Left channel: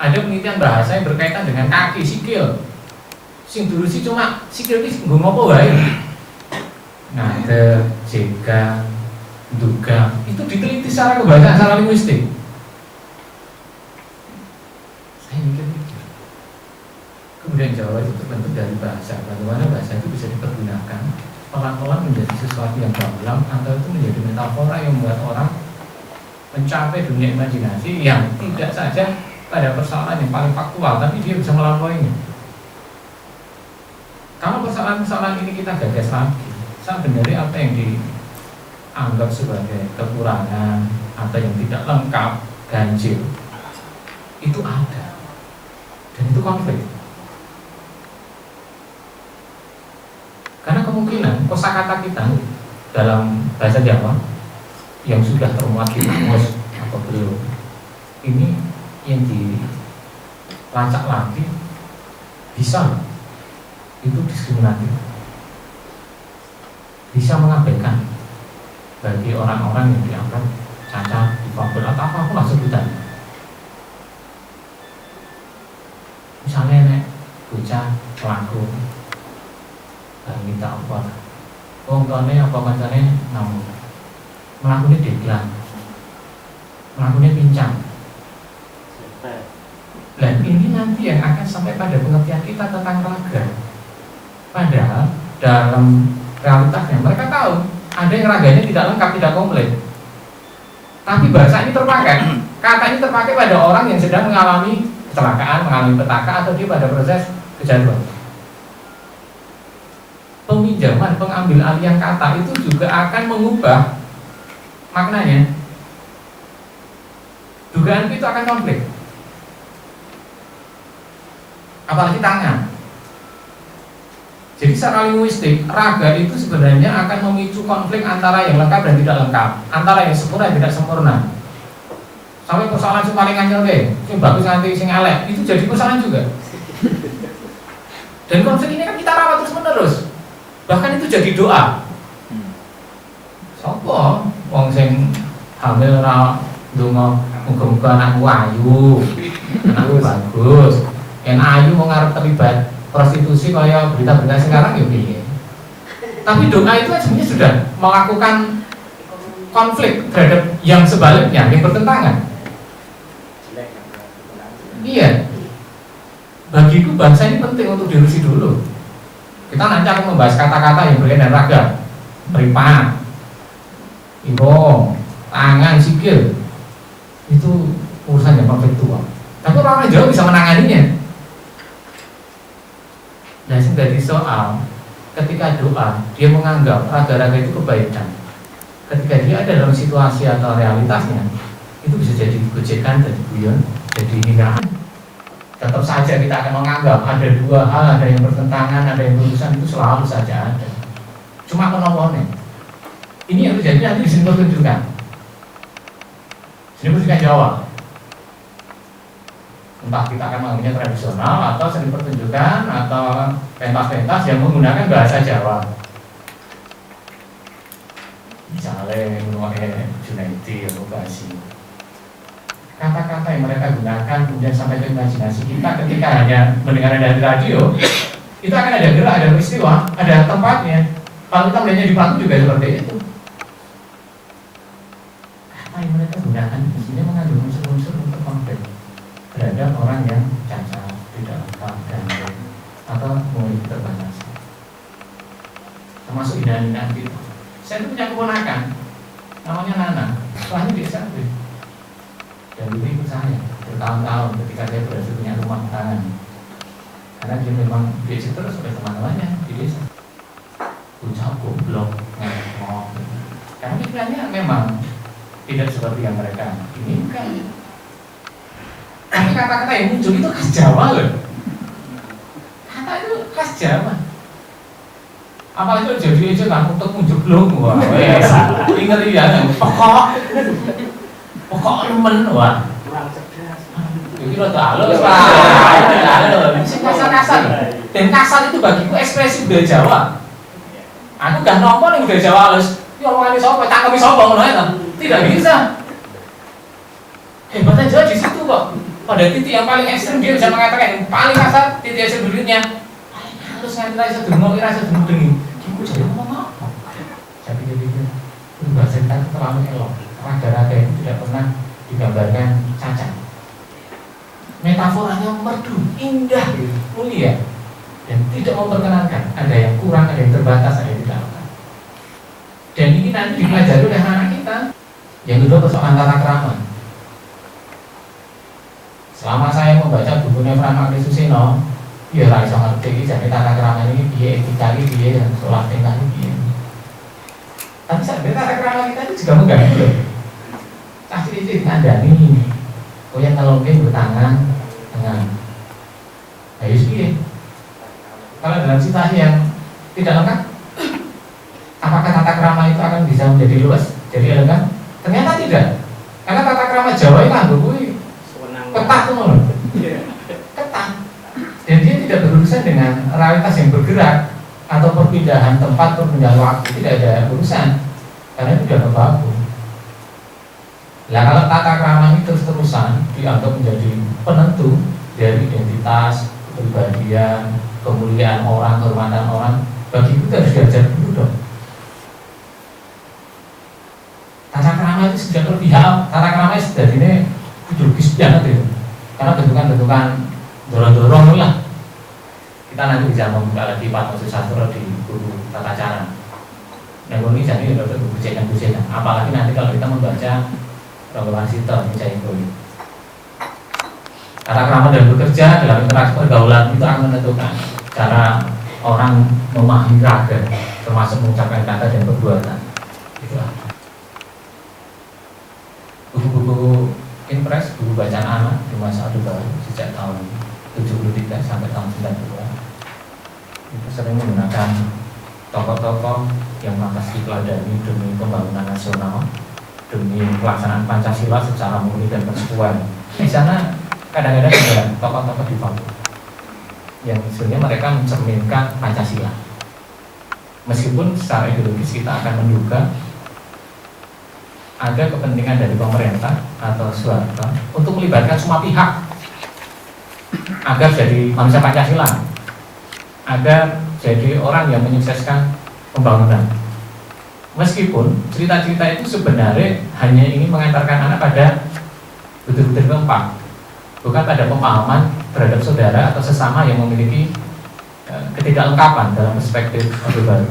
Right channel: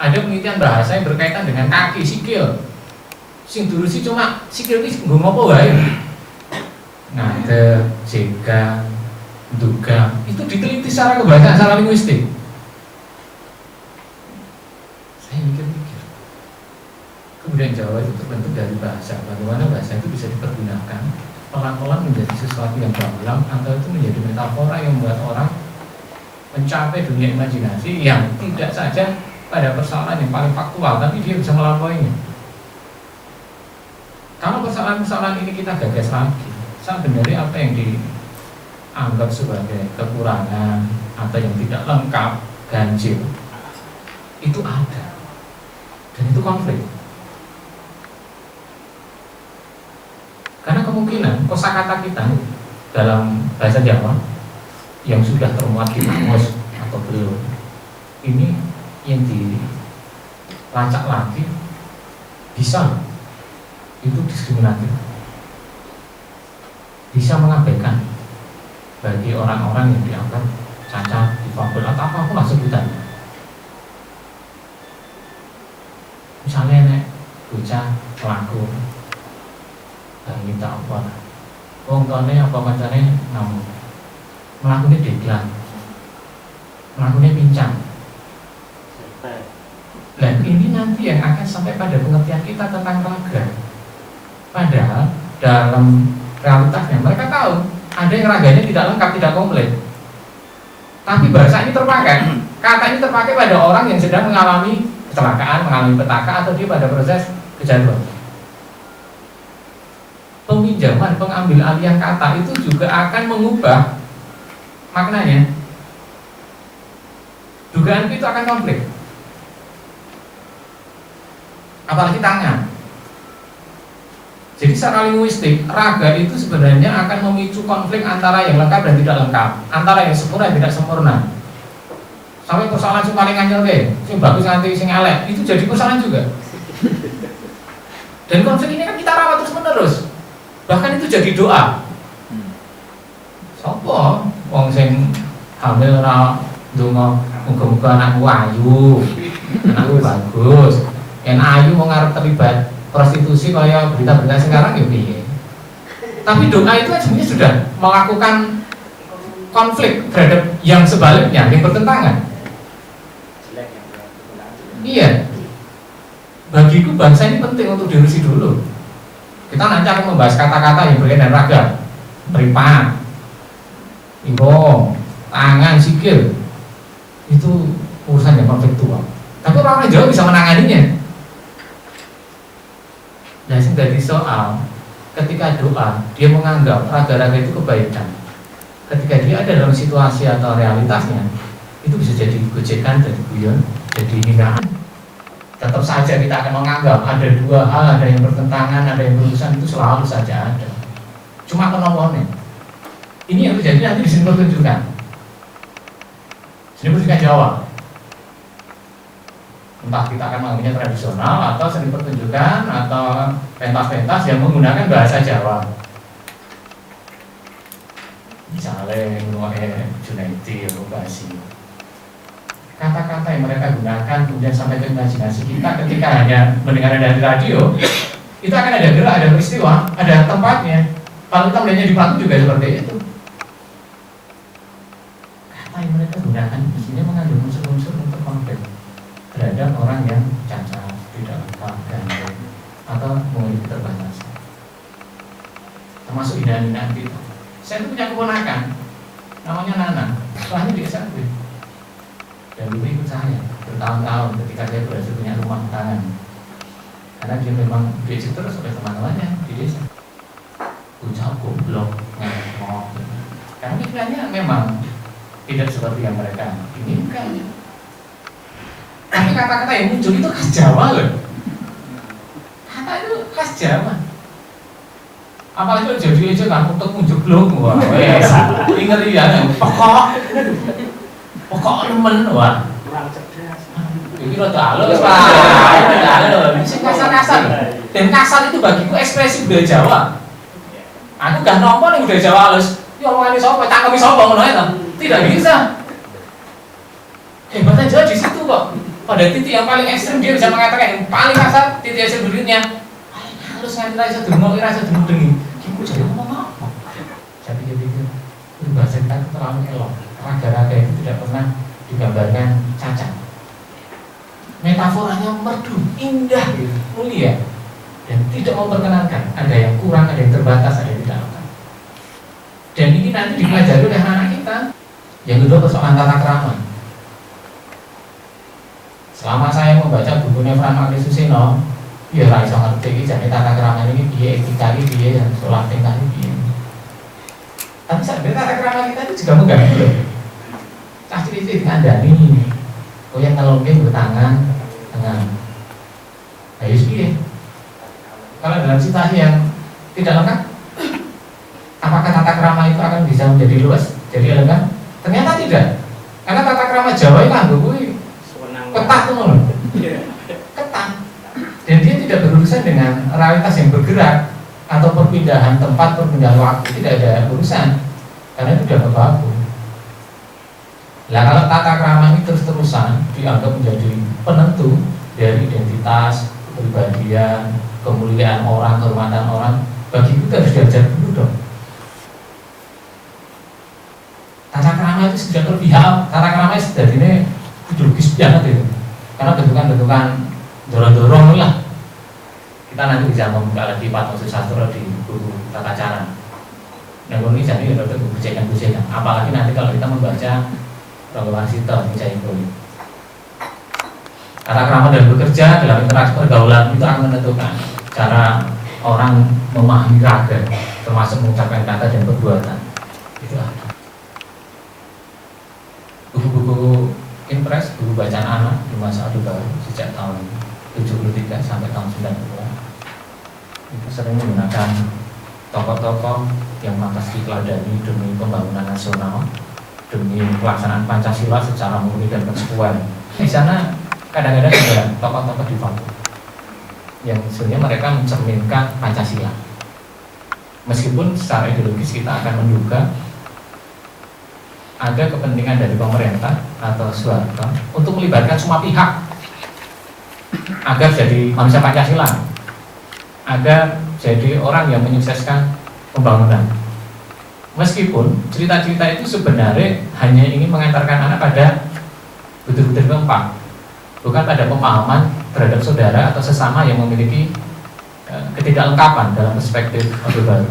Ada penelitian bahasa yang berkaitan dengan kaki, sikil. Sing diurusi cuma sikil iki nggo ngopo wae. Ngade, jega, duga, itu diteliti secara kebahasaan, secara linguistik. Saya mikir-mikir. Kemudian Jawa itu terbentuk dari bahasa. Bagaimana bahasa itu bisa dipergunakan pelan-pelan menjadi sesuatu yang gamblang, atau itu menjadi metafora yang membuat orang mencapai dunia imajinasi yang tidak saja pada persoalan yang paling faktual, tapi dia bisa melampauinya. Kalau persoalan-persoalan ini kita gagas lagi, sebenarnya apa yang dianggap sebagai kekurangan atau yang tidak lengkap, ganjil, itu ada, dan itu konflik. Karena kemungkinan kosakata kita dalam bahasa Jawa yang sudah termuat di kamus atau belum, ini yang dilacak lagi bisa itu diskriminatif, bisa mengabaikan bagi orang-orang yang dianggap cacat, difabel atau apapun lah sebutannya. Misalnya nek bocah pelaku minta apa, wong tuane apa kancane ngamuk, melakukannya deglang, melakukannya pincang. Nah ini nanti yang akan sampai pada pengertian kita tentang raga. Padahal dalam realitasnya mereka tahu ada yang raganya tidak lengkap, tidak komplit. Tapi bahasa ini terpakai, kata ini terpakai pada orang yang sedang mengalami kecelakaan, mengalami petaka, atau dia pada proses kecanduan. Peminjaman, pengambil alihan kata itu juga akan mengubah maknanya. Dugaan itu akan konflik. Apalagi tangan. Jadi secara linguistik, raga itu sebenarnya akan memicu konflik antara yang lengkap dan tidak lengkap, antara yang sempurna dan tidak sempurna. Sampai persoalan yang paling anyel deh, yang bagus nganti sing elek, itu jadi persoalan juga. Dan konflik ini kan kita rawat terus menerus. Bahkan itu jadi doa. Sopo wong sing hamil ora ndonga muga-muga anakku ayu, anakku bagus. Yang ayu mau ngarep terlibat prostitusi kaya berita-berita sekarang ya piye. Tapi doa itu kan sebenarnya sudah melakukan konflik terhadap yang sebaliknya, yang bertentangan. Iya. Bagiku bangsa ini penting untuk diurusi dulu. Kita nanti akan membahas kata-kata yang berkaitan ragam, meripat, ibong, tangan, sikil. Itu urusan yang konfliktual. Tapi orang-orang Jawa bisa menanganinya. Nah, sing dadi soal ketika doa dia menganggap raga-raga itu kebaikan. Ketika dia ada dalam situasi atau realitasnya, itu bisa jadi gojekan, jadi guyon, jadi hinaan. Tetap saja kita akan menganggap ada dua hal, ada yang bertentangan, ada yang berurusan, itu selalu saja ada. Cuma penopone. Ini yang terjadi nanti di sini pertunjukan. Sini pertunjukan Jawa. Entah kita akan menganggapnya tradisional atau seni pertunjukan atau pentas-pentas yang menggunakan bahasa Jawa. Misalnya mengenai Junaidi atau Basi. Kata-kata yang mereka gunakan kemudian sampai ke imajinasi kita ketika hanya mendengar dari radio, itu akan ada gerak, ada peristiwa, ada tempatnya. Kalau kita melihatnya di panggung juga seperti itu. Kata yang mereka gunakan di sini mengandung unsur-unsur untuk konflik terhadap orang yang cacat, tidak lengkap, gandeng, atau memiliki keterbatasan. Termasuk hinaan-hinaan kita. Saya itu punya keponakan, namanya Nana, setelahnya di SMP. Dan dulu ikut saya bertahun-tahun ketika saya berhasil punya rumah tangan. Karena dia memang diajak terus oleh teman-temannya di desa. Bocah goblok, ngomong. Karena pikirannya memang tidak seperti yang mereka inginkan. Tapi kata-kata yang muncul itu khas Jawa loh. Kata itu khas Jawa. Apalagi jadi aja kan untuk menjeblok, wah, wes, ingat ya, pokok nemen, wah. Ini lo halus pak, halus, kasar-kasar. Dan kasar itu bagiku ekspresi budaya Jawa. Aku gak nomor nih budaya Jawa halus. Ya orang ini sopo, cangkemi sopo, tidak bisa. Hebatnya Jawa di situ kok. Pada titik yang paling ekstrim dia bisa mengatakan yang paling kasar, titik ekstrim berikutnya paling halus nganti rasa dungo, rasa dungu-dungi. Ibu jadi ngomong apa? Saya pikir-pikir, bahasa kita itu terlalu elok. Raga-raga itu tidak pernah digambarkan cacat. Metaforanya merdu, indah, mulia, dan tidak memperkenankan. Ada yang kurang, ada yang terbatas, ada yang tidak lengkap. Dan ini nanti dipelajari oleh anak kita. Yang kedua persoalan tata krama. Selama saya membaca bukunya Frans Magni Suseno, ya raiso ngerti jadi tata krama ini piye, etika ini piye, sholat tingkah ini piye. Tapi sebenarnya tata krama kita itu juga mengganggu loh. Cah cilik ngandani, kau yang ngelongking bertangan dengan bayus piye. Kalau dalam situasi yang tidak lengkap, apakah tata krama itu akan bisa menjadi luas, jadi elegan? Ternyata tidak. Karena tata krama Jawa itu anggup ketat tuh loh, ketat, dan dia tidak berurusan dengan realitas yang bergerak atau perpindahan tempat, perpindahan waktu, tidak ada urusan karena itu sudah kebabu. Nah kalau tata krama ini terus-terusan dianggap menjadi penentu dari identitas, kepribadian, kemuliaan orang, kehormatan orang, bagi itu harus diajar dulu dong. Tata krama itu sudah terpihak, tata krama itu sudah ini ideologis banget itu, karena bentukan-bentukan dorong-dorong lah. Kita nanti bisa membuka lagi Pak Susastro di buku tata cara. Yang ini jadi ada bujekan-bujekan. Apalagi nanti kalau kita membaca Rangga Warsito, Micain Poli. Tata krama dalam bekerja, dalam interaksi pergaulan itu akan menentukan cara orang memahami raga, termasuk mengucapkan kata dan perbuatan. Itu ada. Buku-buku impres, buku bacaan anak di masa Orde Baru sejak tahun 73 sampai tahun 92 itu sering menggunakan tokoh-tokoh yang lantas diteladani demi pembangunan nasional, demi pelaksanaan Pancasila secara murni dan konsekuen. Di sana kadang-kadang ada tokoh-tokoh di bawah yang sebenarnya mereka mencerminkan Pancasila. Meskipun secara ideologis kita akan menduga ada kepentingan dari pemerintah atau Soeharto untuk melibatkan semua pihak agar jadi manusia Pancasila, agar jadi orang yang menyukseskan pembangunan. Meskipun cerita-cerita itu sebenarnya hanya ingin mengantarkan anak pada butir-butir keempat, bukan pada pemahaman terhadap saudara atau sesama yang memiliki ketidaklengkapan dalam perspektif Orde Baru.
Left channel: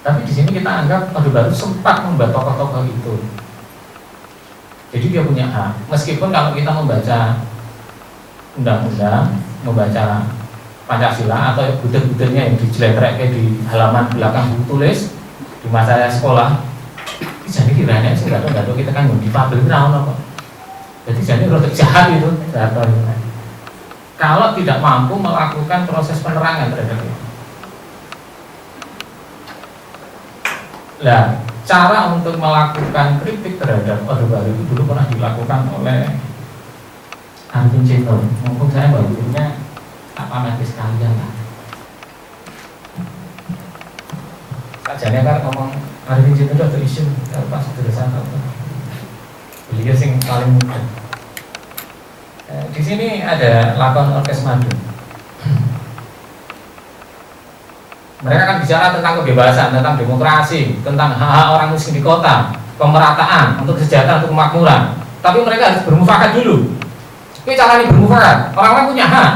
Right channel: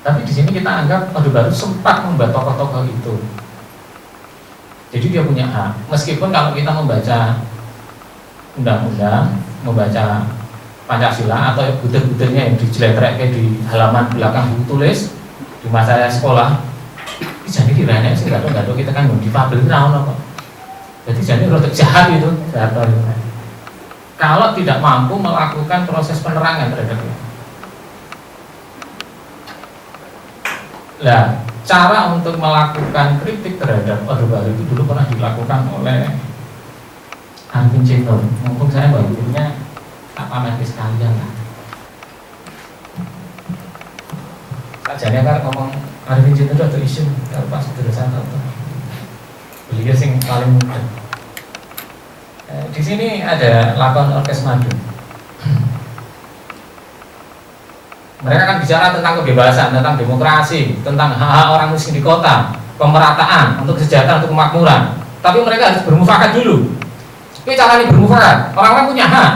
Tapi di sini kita anggap Orde Baru sempat membuat tokoh-tokoh itu. Jadi dia punya hak. Meskipun kalau kita membaca undang-undang, membaca Pancasila atau butir-butirnya yang dijeletrek di halaman belakang buku tulis di masa sekolah, jadi kiranya sih nggak tahu kita kan difabel apa. Jadi jadi rotok jahat itu. Kalau tidak mampu melakukan proses penerangan terhadap itu. Nah, cara untuk melakukan kritik terhadap Orde Baru itu dulu pernah dilakukan oleh Arifin Cino. Mumpung saya bagiannya apa nanti sekalian lah. Sajane kan ngomong Arifin Cino itu ada isu apa sederhana apa. Beliau sing paling muda. Di sini ada lakon orkes madu. Mereka akan bicara tentang kebebasan, tentang demokrasi, tentang hak-hak orang miskin di kota, pemerataan, untuk kesejahteraan, untuk kemakmuran. Tapi mereka harus bermufakat dulu. Tapi caranya bermufakat, orang-orang punya hak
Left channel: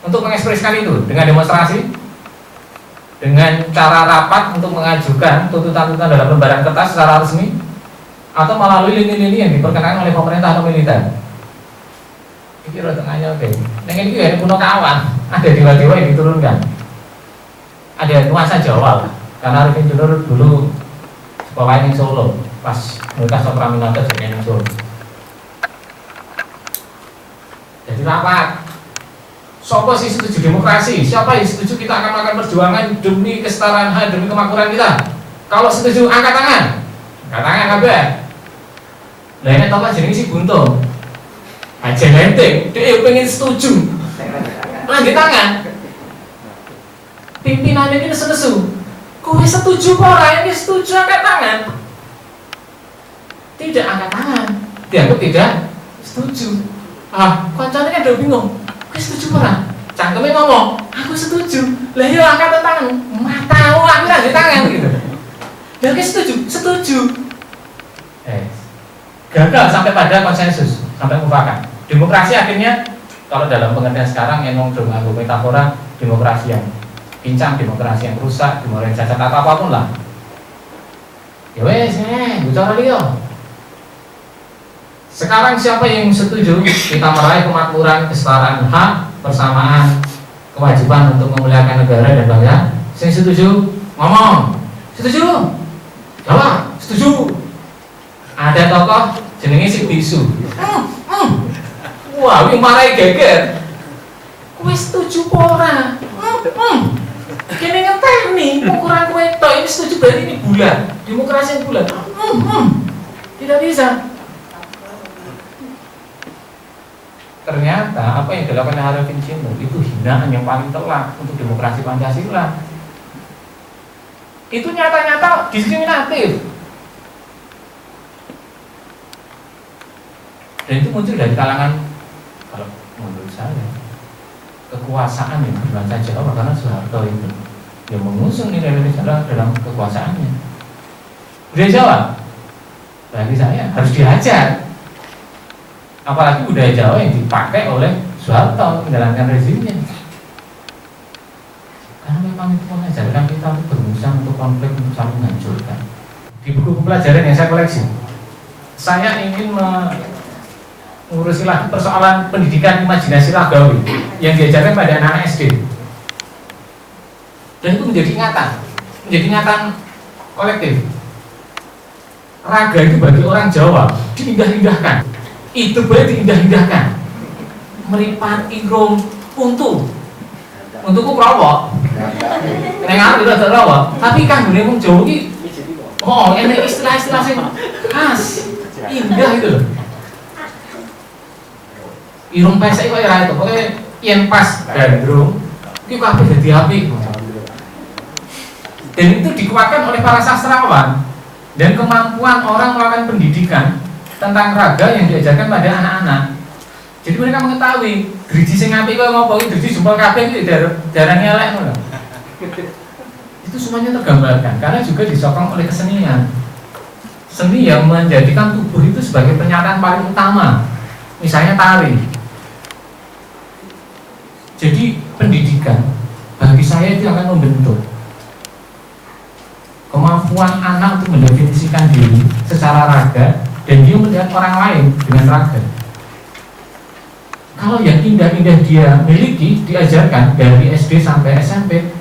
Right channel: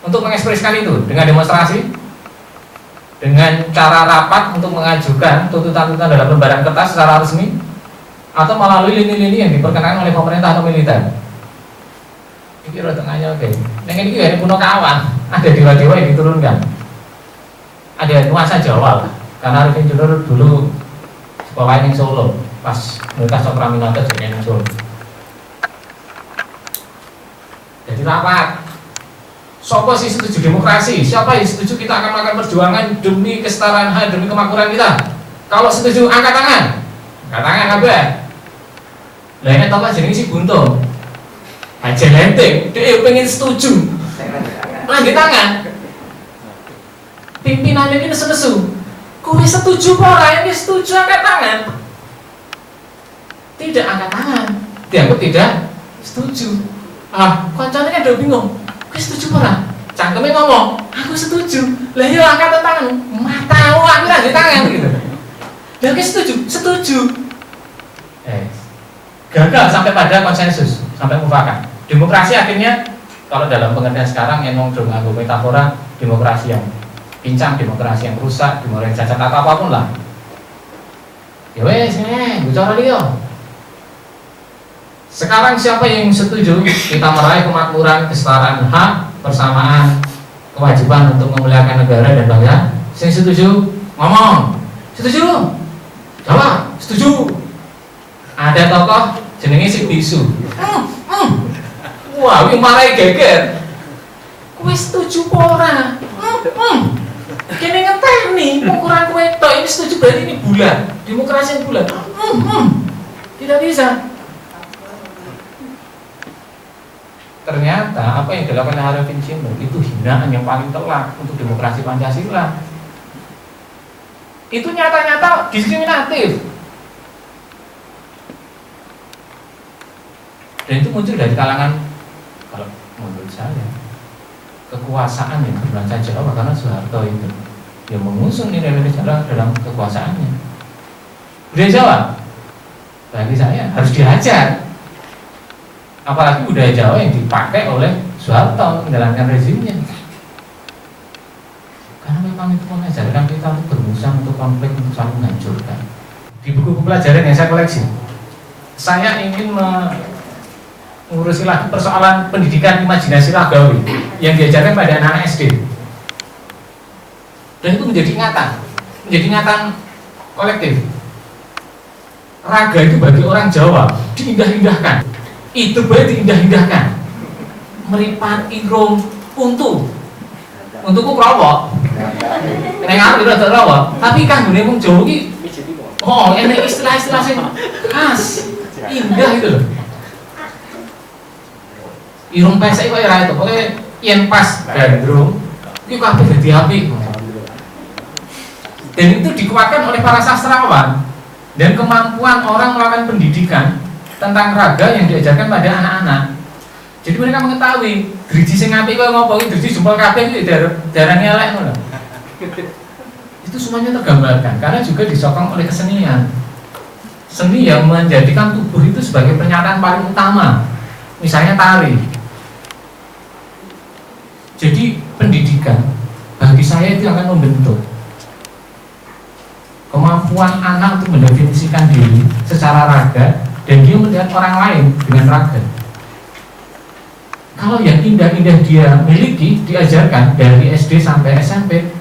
untuk mengekspresikan itu dengan demonstrasi, dengan cara rapat untuk mengajukan tuntutan-tuntutan dalam lembaran kertas secara resmi, atau melalui lini-lini yang diperkenankan oleh pemerintah atau militer. Ini tengahnya oke. Yang ini juga punya kawan, ada dewa-dewa yang diturunkan. Ada nuansa Jawa lah. Karena Arifin Cino dulu sekolahnya di Solo, pas mereka Sopraminata jadi di Solo. Jadi rapat. Siapa sih setuju demokrasi? Siapa yang setuju kita akan melakukan perjuangan demi kesetaraan hak, demi kemakmuran kita? Kalau setuju angkat tangan. Angkat tangan kabeh. Lah ini tokoh jenenge si Buntung. Aja lenteng, dia pengen setuju. Angkat tangan. Pimpinan ini nesu-nesu. Kowe setuju ora? Ini setuju angkat tangan. Tidak angkat tangan. Dianggap tidak setuju. Koncone kan udah bingung. Kowe setuju ora? Cangkeme ngomong, aku setuju. Lah iya angkat tangan. Matamu aku ra tangan gitu. Lah kowe setuju? Setuju. Gagal sampai pada konsensus, sampai mufakat. Demokrasi akhirnya kalau dalam pengertian sekarang emang udah nganggo metafora demokrasi yang pincang, demokrasi yang rusak, demokrasi yang cacat atau apapun lah. Ya wes, bicara dia. Sekarang siapa yang setuju kita meraih kemakmuran, kesetaraan hak, persamaan, kewajiban untuk memuliakan negara dan bangsa? Saya setuju, ngomong. Setuju? Jawab, setuju. Ada tokoh jenenge si bisu. Wah, ini marai geger. Kowe setuju ora? Kene ngeteni ukuran kowe tok ini setuju berarti ini bulat. Demokrasi yang bulat. Tidak bisa. Ternyata apa yang dilakukan Harry Vincent itu hinaan yang paling telak untuk demokrasi Pancasila. Itu nyata-nyata diskriminatif. Dan itu muncul dari kalangan, kalau menurut saya, kekuasaan yang bernuansa Jawa, karena Soeharto itu yang mengusung nilai-nilai Jawa dalam kekuasaannya. Budaya Jawa bagi saya harus diajar, apalagi budaya Jawa yang dipakai oleh Soeharto menjalankan rezimnya. Karena memang itu mengajarkan kita untuk bermusuhan, untuk konflik, untuk saling menghancurkan. Di buku pelajaran yang saya koleksi, saya ingin mengurusi lagi persoalan pendidikan imajinasi lagawi yang diajarkan pada anak-anak SD. Dan itu menjadi ingatan kolektif. Raga itu bagi orang Jawa diindah-indahkan. Itu berarti diindah-indahkan. Meripat, irung, untu. Untuku kerawak. Neng arep ora kerawak, tapi kanggone wong Jawa iki enek istilah-istilah sing khas, indah gitu loh. Irung pesek kok ora itu, pokoke yen pas gandrung iki kabeh dadi apik. Dan itu dikuatkan oleh para sastrawan dan kemampuan orang melakukan pendidikan tentang raga yang diajarkan pada anak-anak. Jadi mereka mengetahui driji sing apik kok ngopo iki driji jempol kabeh iki darane elek ngono. Itu semuanya tergambarkan karena juga disokong oleh kesenian. Seni yang menjadikan tubuh itu sebagai pernyataan paling utama. Misalnya tari. Jadi pendidikan bagi saya itu akan membentuk kemampuan anak untuk mendefinisikan diri secara raga dan dia melihat orang lain dengan raga. Kalau yang indah-indah dia miliki diajarkan dari SD sampai SMP,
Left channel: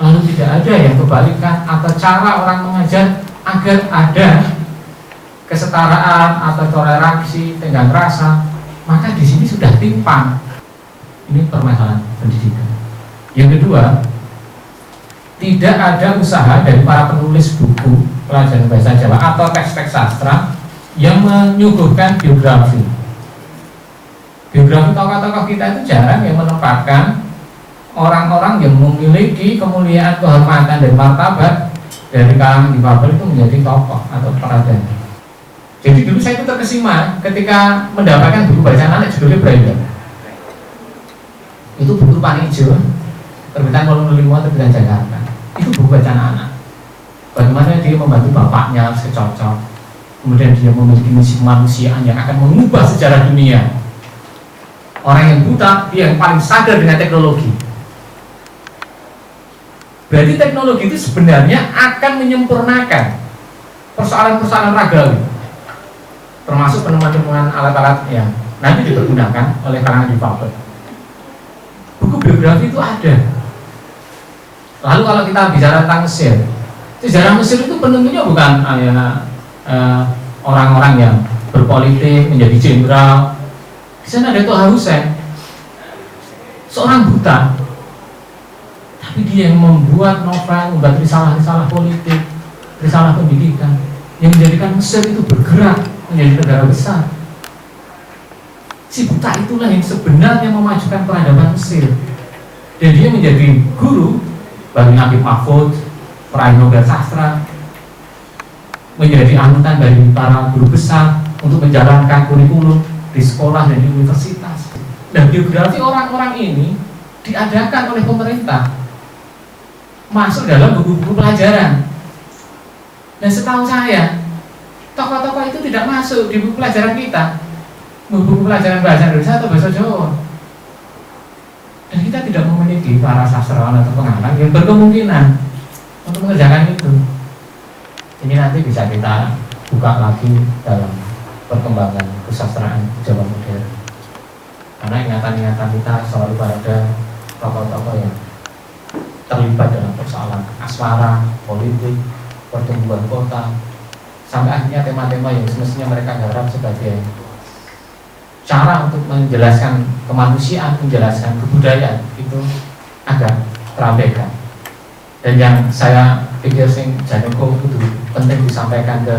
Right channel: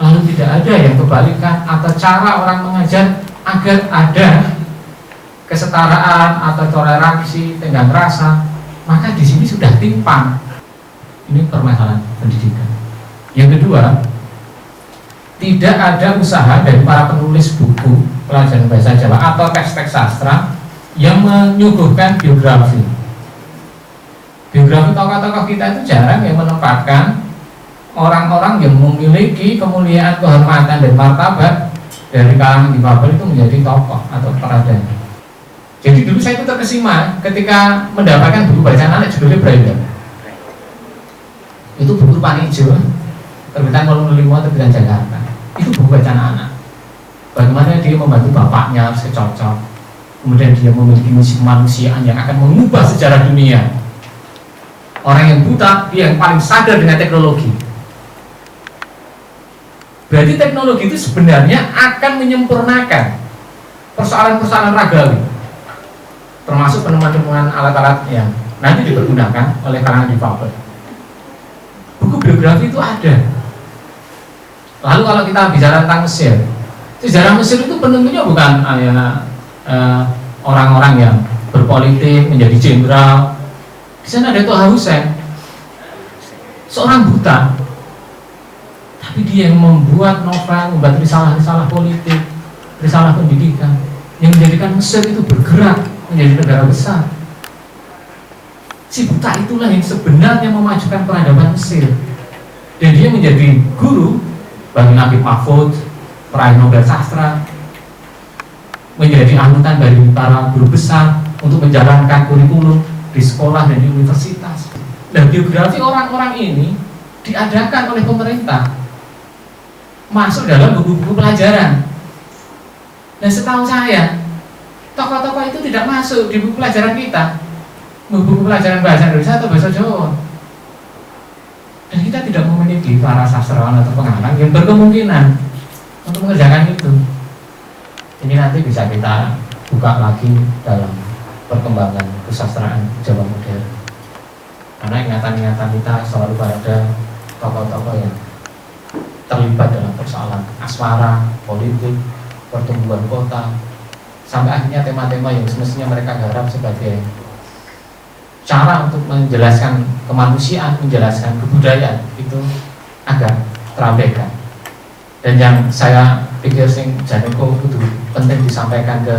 lalu tidak ada yang kebalikan atau cara orang mengajar agar ada kesetaraan atau toleransi, tenggang rasa, maka di sini sudah timpang. Ini permasalahan pendidikan. Yang kedua, tidak ada usaha dari para penulis buku pelajaran bahasa Jawa atau teks-teks sastra yang menyuguhkan biografi. Biografi tokoh-tokoh kita itu jarang yang menempatkan orang-orang yang memiliki kemuliaan, kehormatan dan martabat dari kalangan difabel itu menjadi tokoh atau peradaan. Jadi dulu saya itu terkesima ketika mendapatkan buku bacaan anak judulnya Braille. Itu buku Panijo, terbitan Kolom 5, terbitan Jakarta. Itu buku bacaan anak. Bagaimana dia membantu bapaknya secocok. Kemudian dia memiliki misi kemanusiaan yang akan mengubah sejarah dunia. Orang yang buta, dia yang paling sadar dengan teknologi. Berarti teknologi itu sebenarnya akan menyempurnakan persoalan-persoalan ragawi, termasuk penemuan-penemuan alat-alat yang nanti dipergunakan oleh kalangan difabel. Buku biografi itu ada. Lalu kalau kita bicara tentang Mesir, sejarah Mesir itu penentunya bukan orang-orang yang berpolitik menjadi jenderal. Di sana ada Toha Hussein, seorang buta, tapi dia yang membuat novel, membuat risalah-risalah politik, risalah pendidikan, yang menjadikan Mesir itu bergerak menjadi negara besar. Si buta itulah yang sebenarnya memajukan peradaban Mesir, dan dia menjadi guru bagi Nabi Mahfud, peraih Nobel sastra, menjadi anutan dari para guru besar untuk menjalankan kurikulum. di sekolah dan di universitas. Dan biografi orang-orang ini diadakan oleh pemerintah, masuk dalam buku-buku pelajaran. Dan setahu saya, tokoh-tokoh itu tidak masuk di buku pelajaran kita, buku pelajaran bahasa Indonesia atau bahasa Jawa. Dan kita tidak memiliki para sastrawan atau pengarang yang berkemungkinan untuk mengerjakan itu. Ini nanti bisa kita buka lagi dalam perkembangan kesastraan Jawa modern. Karena ingatan-ingatan kita selalu pada tokoh-tokoh yang terlibat dalam persoalan asmara, politik, pertumbuhan kota, sampai akhirnya tema-tema yang semestinya mereka garap sebagai cara untuk menjelaskan kemanusiaan, menjelaskan kebudayaan itu agak terabaikan. Dan yang saya pikir sing Janeko itu penting disampaikan ke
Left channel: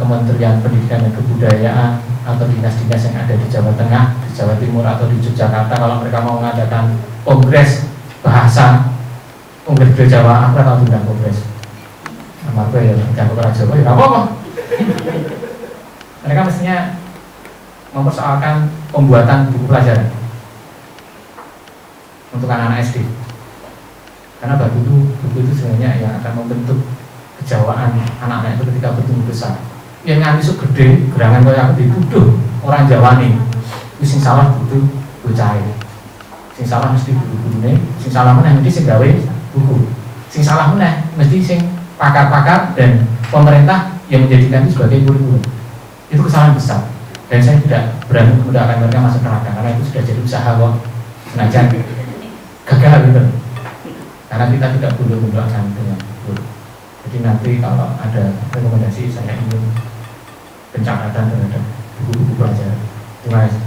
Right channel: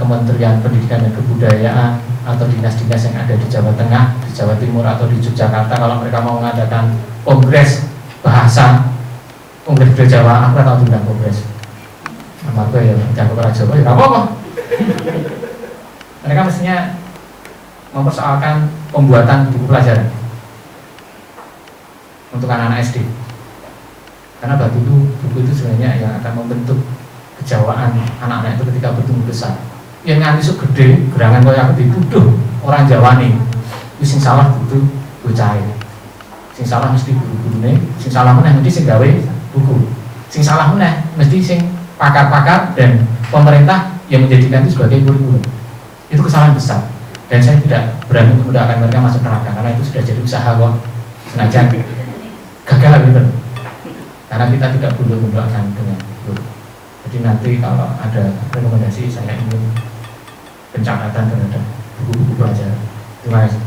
Kementerian Pendidikan dan Kebudayaan atau dinas-dinas yang ada di Jawa Tengah, di Jawa Timur atau di Yogyakarta, kalau mereka mau mengadakan kongres bahasa, kongres budaya Jawa, aku tahu tentang kongres. Nama gue ya jago bahasa Jawa, ya apa-apa. Mereka mestinya mempersoalkan pembuatan buku pelajaran untuk anak-anak SD, karena bagi itu buku itu sebenarnya yang akan membentuk kejawaan anak-anak itu ketika bertumbuh besar. Yang nganti sok gede gerangan kaya aku dituduh orang Jawa nih, sing salah butuh bocah, sing salah mesti guru-gurune, sing salah meneh mesti sing gawe buku, sing salah meneh mesti sing pakar-pakar dan pemerintah yang menjadikan itu sebagai kurikulum. Itu kesalahan besar. Dan saya tidak berani menggunakan mereka masuk neraka, karena itu sudah jadi usaha kok, senajan gagal gitu. Karena kita tidak boleh mendoakan dengan guru. Jadi nanti kalau ada rekomendasi, saya ingin pencatatan terhadap buku-buku pelajaran. Terima kasih.